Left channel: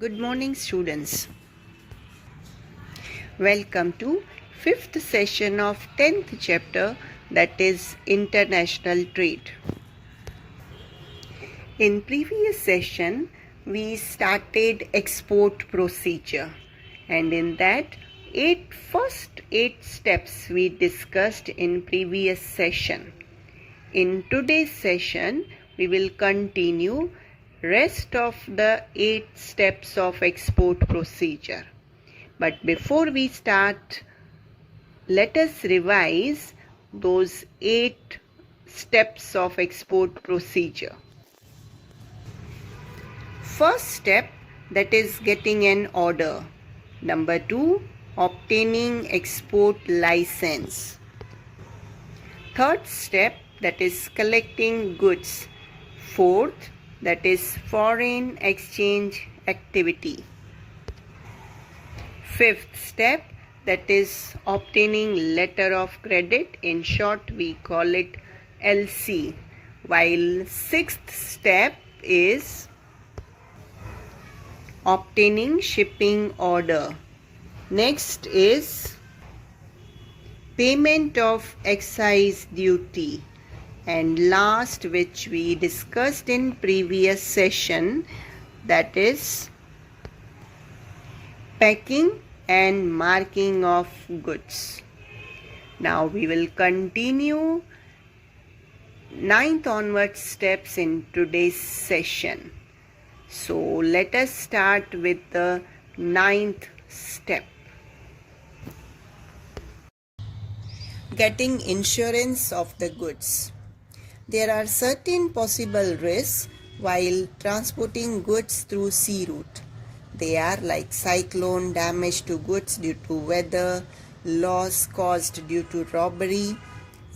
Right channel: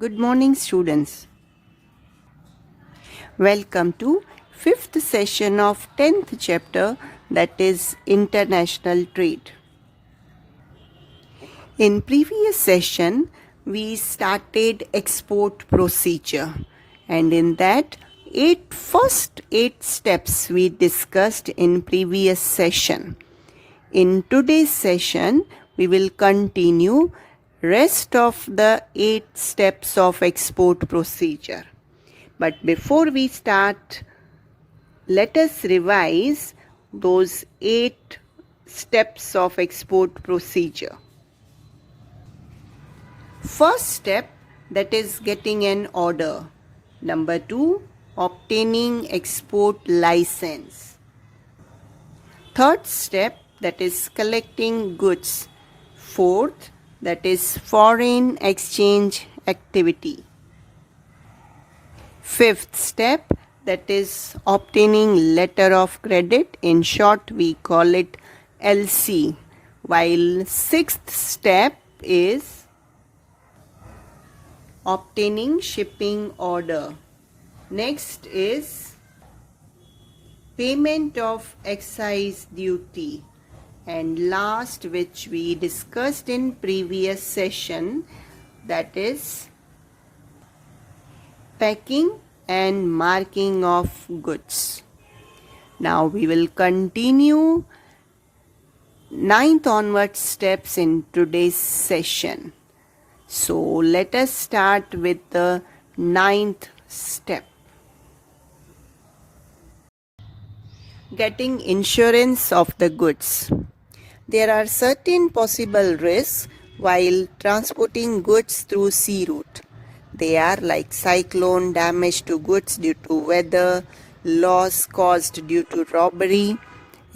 Good morning, students. Welcome to 5th session of 10th chapter, that is International Trade. In previous session, we started export procedure, and in that first eight steps we discussed in previous session. In today's session, we will continue rest of the 8 steps of export procedure. But before we start, let us revise those 8 steps of export procedure. First step, that is getting an order. Number 2, obtaining export license. Third step, that is collecting goods. Fourth, that is foreign exchange activity. Fifth step, that is obtaining letter of credit. In short, we call it LC. While sixth step is obtaining shipping order. Next is payment of excise duty. And last, which we discussed in previous session, that is packing and marking of goods. Now we will continue 9th onward steps in today's session. So let us start with the 9th step. Getting insurance of the goods. There are certain possible risks while transporting goods through sea route. They are like cyclone, damage to goods due to weather, loss caused due to robbery,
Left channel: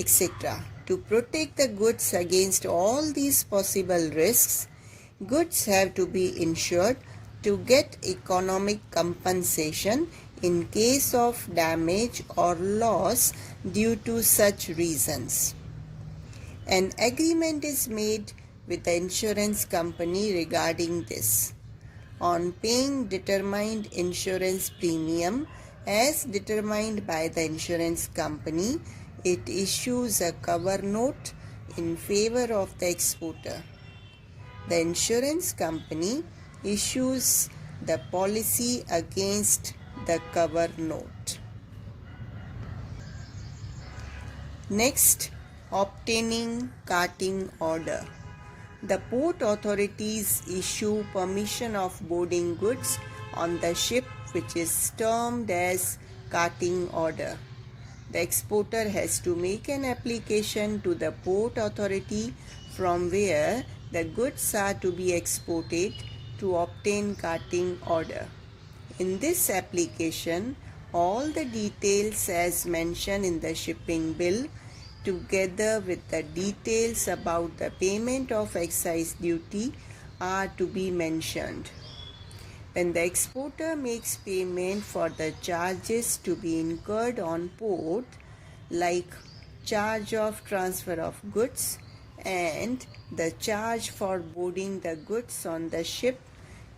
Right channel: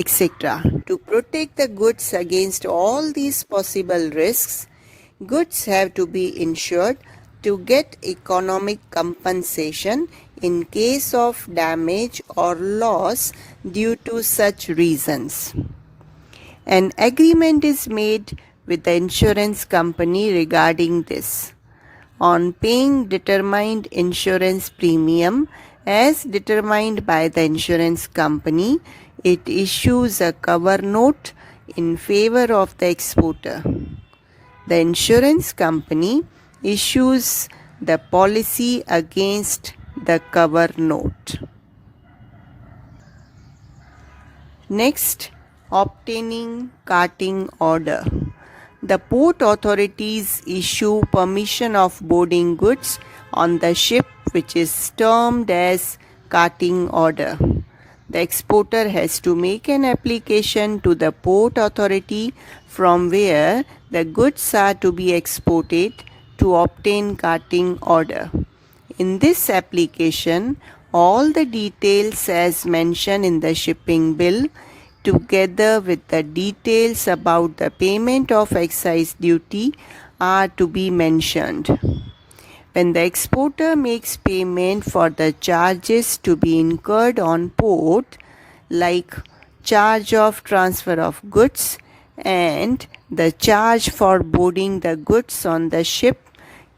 etc. To protect the goods against all these possible risks, goods have to be insured to get economic compensation in case of damage or loss due to such reasons. An agreement is made with the insurance company regarding this. On paying determined insurance premium as determined by the insurance company, it issues a cover note in favor of the exporter. The insurance company issues the policy against the cover note. Next, obtaining carting order. The port authorities issue permission of boarding goods on the ship, which is termed as carting order. The exporter has to make an application to the port authority from where the goods are to be exported to obtain carting order. In this application, all the details as mentioned in the shipping bill, together with the details about the payment of excise duty, are to be mentioned. When the exporter makes payment for the charges to be incurred on port, like charge of transfer of goods and the charge for boarding the goods on the ship,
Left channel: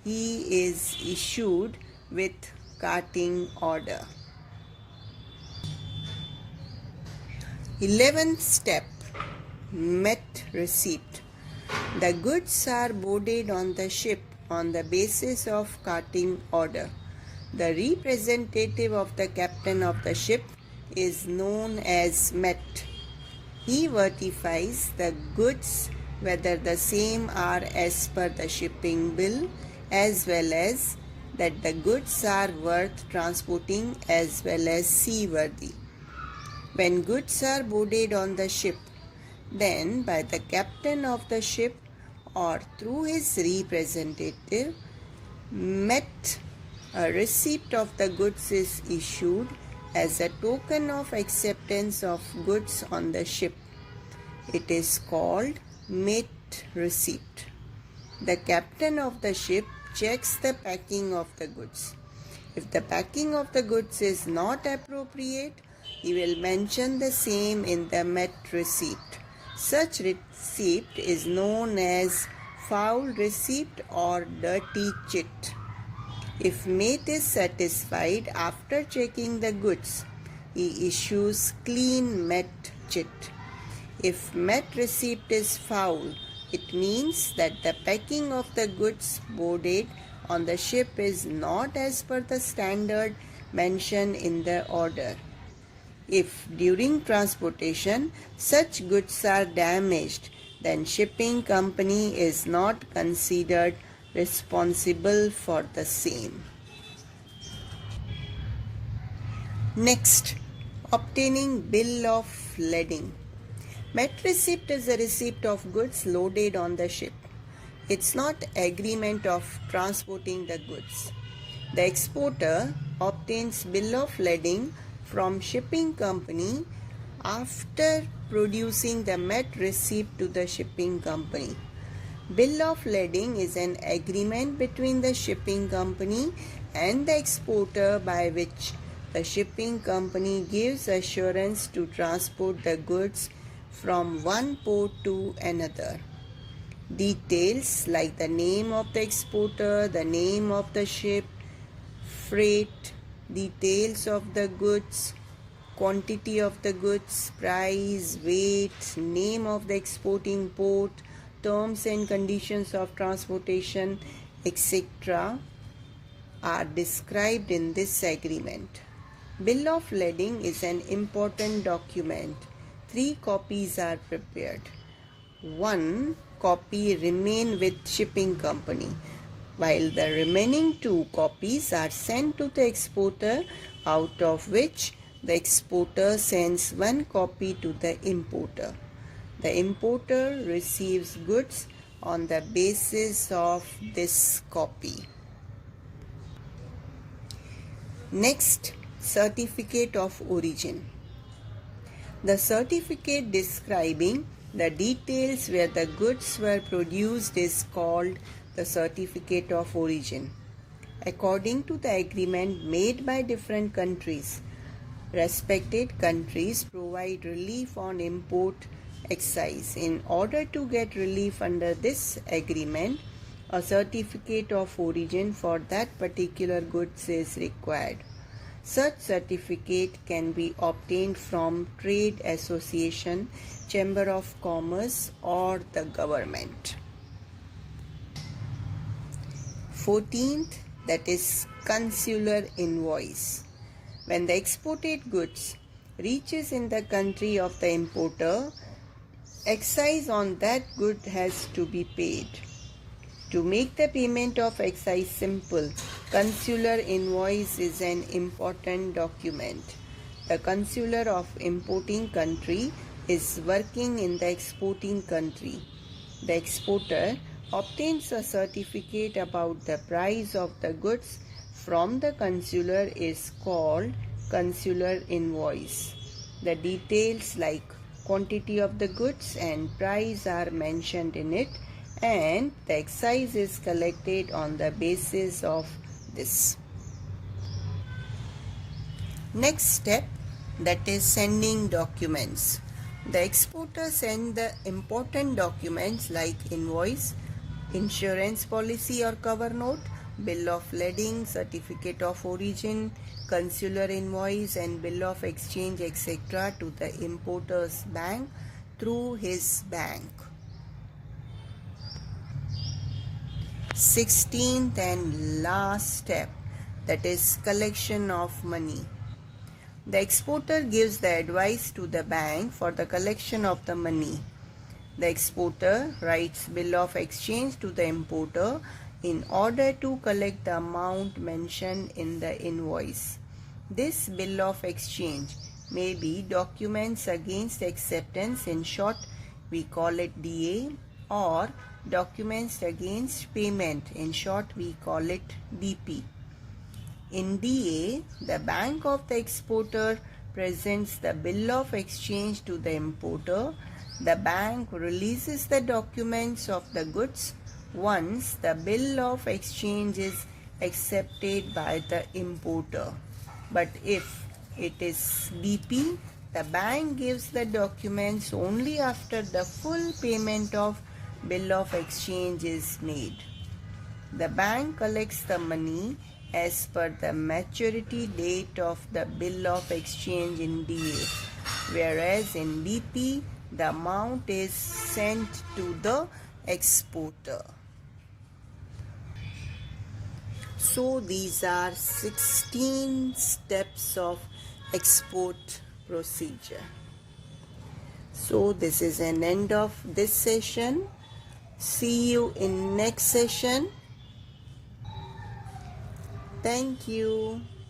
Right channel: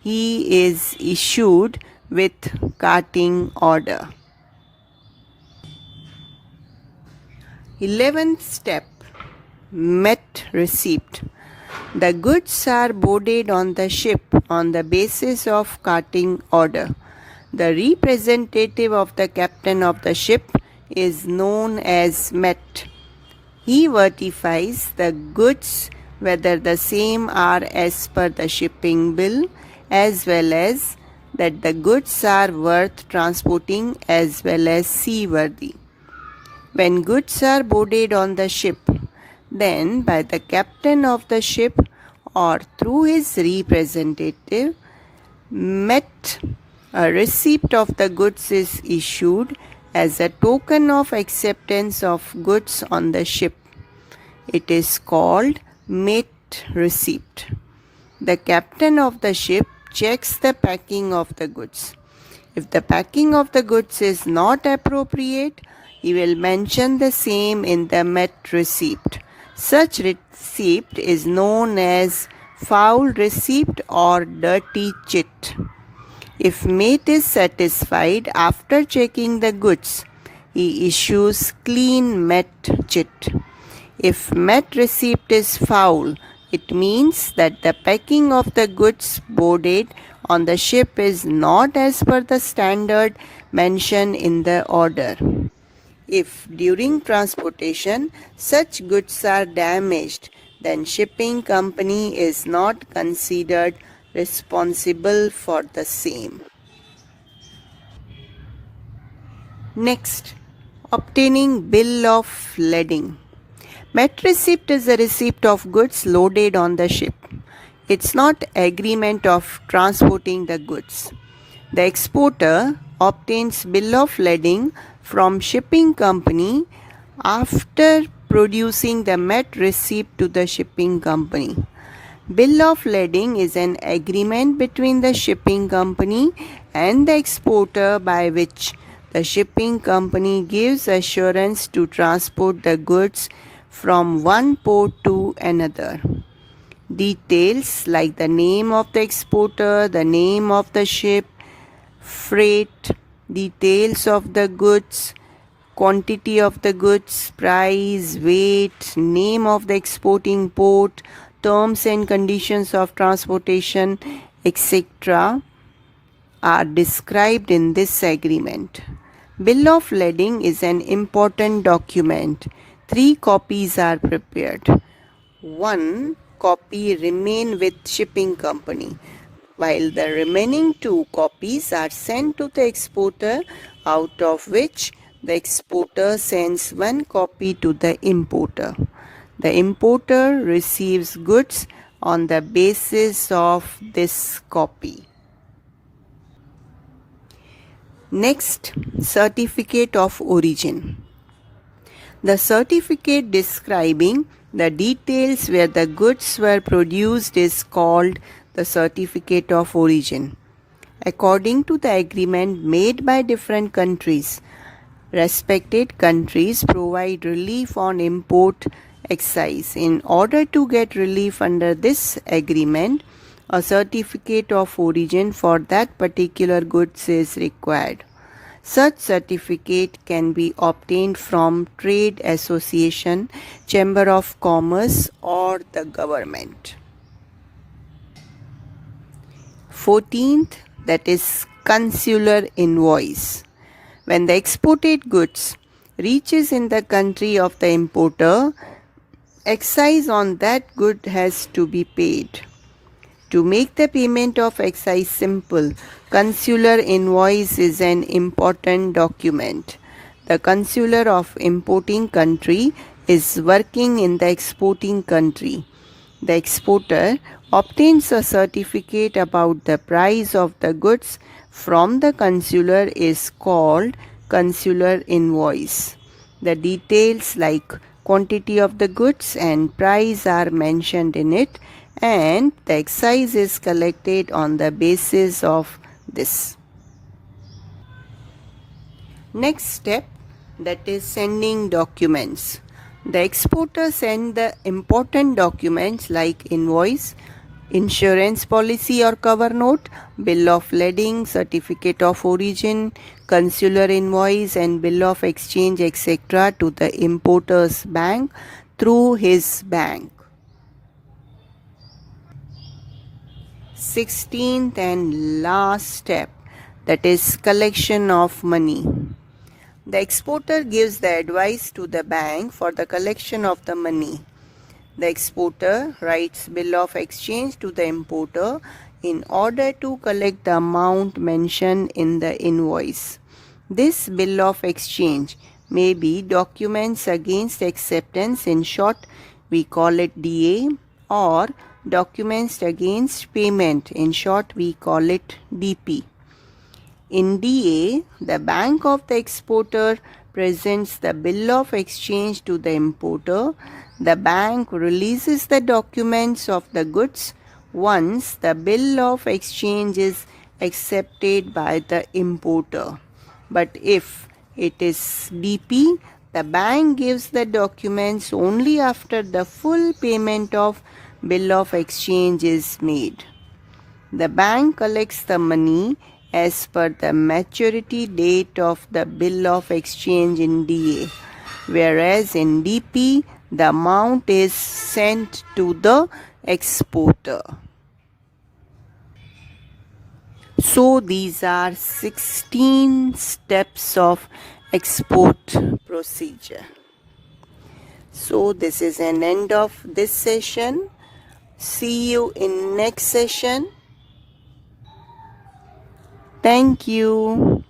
he is issued with carting order. 11th step, met receipt. The goods are boarded on the ship on the basis of carting order. The representative of the captain of the ship is known as met. He verifies the goods whether the same are as per the shipping bill, as well as that the goods are worth transporting as well as seaworthy. When goods are boarded on the ship, then by the captain of the ship or through his representative, met, a receipt of the goods is issued as a token of acceptance of goods on the ship. It is called met receipt. The captain of the ship checks the packing of the goods. If the packing of the goods is not appropriate, he will mention the same in the met receipt. Such receipt is known as foul receipt or dirty chit. If mate is satisfied after checking the goods, he issues clean met chit. If met receipt is foul, it means that the packing of the goods boarded on the ship is not as per the standard mentioned in the order. If during transportation such goods are damaged, then shipping company is not considered responsible for the same. Next, obtaining bill of lading. Met receipt is a receipt of goods loaded on the ship. It's not agreement of transporting the goods. The exporter obtains bill of lading from shipping company after producing the met receipt to the shipping company. Bill of lading is an agreement between the shipping company and the exporter by which the shipping company gives assurance to transport the goods from one port to another. Details like the name of the exporter, the name of the ship, freight, details of the goods, quantity of the goods, price, weight, name of the exporting port, terms and conditions of transportation, etc., are described in this agreement. Bill of lading is an important document. 3 copies are prepared. 1 copy remain with shipping company, while the remaining 2 copies are sent to the exporter, out of which the exporter sends 1 copy to the importer. The importer receives goods on the basis of this copy. Next, certificate of origin. The certificate describing the details where the goods were produced is called the certificate of origin. According to the agreement made by different countries, respected countries provide relief on import excise. In order to get relief under this agreement, a certificate of origin for that particular goods is required. Such certificate can be obtained from trade association, chamber of commerce, or the government. 14th, that is consular invoice. When the exported goods reaches in the country of the importer, excise on that good has to be paid. To make the payment of excise simple, consular invoice is an important document. The consular of importing country is working in the exporting country. The exporter obtains a certificate about the price of the goods from the consular is called consular invoice. The details like quantity of the goods and price are mentioned in it, and the excise is collected on the basis of this. Next step, that is sending documents. The exporter sends the important documents like invoice, insurance policy or cover note, bill of lading, certificate of origin, consular invoice and bill of exchange, etc. to the importer's bank through his bank. 16th and last step, that is collection of money. The exporter gives the advice to the bank for the collection of the money. The exporter writes bill of exchange to the importer in order to collect the amount mentioned in the invoice. This bill of exchange may be documents against acceptance, in short we call it DA, or documents against payment, in short we call it DP. In DA, the bank of the exporter presents the bill of exchange to the importer. The bank releases the documents of the goods once the bill of exchange is accepted by the importer. But if it is DP, the bank gives the documents only after the full payment of bill of exchange is made. The bank collects the money as per the maturity date of the bill of exchange in DA, whereas in DP the amount is sent to the exporter. So these are 16 steps of export procedure. So this is an end of this session. See you in next session. Thank you.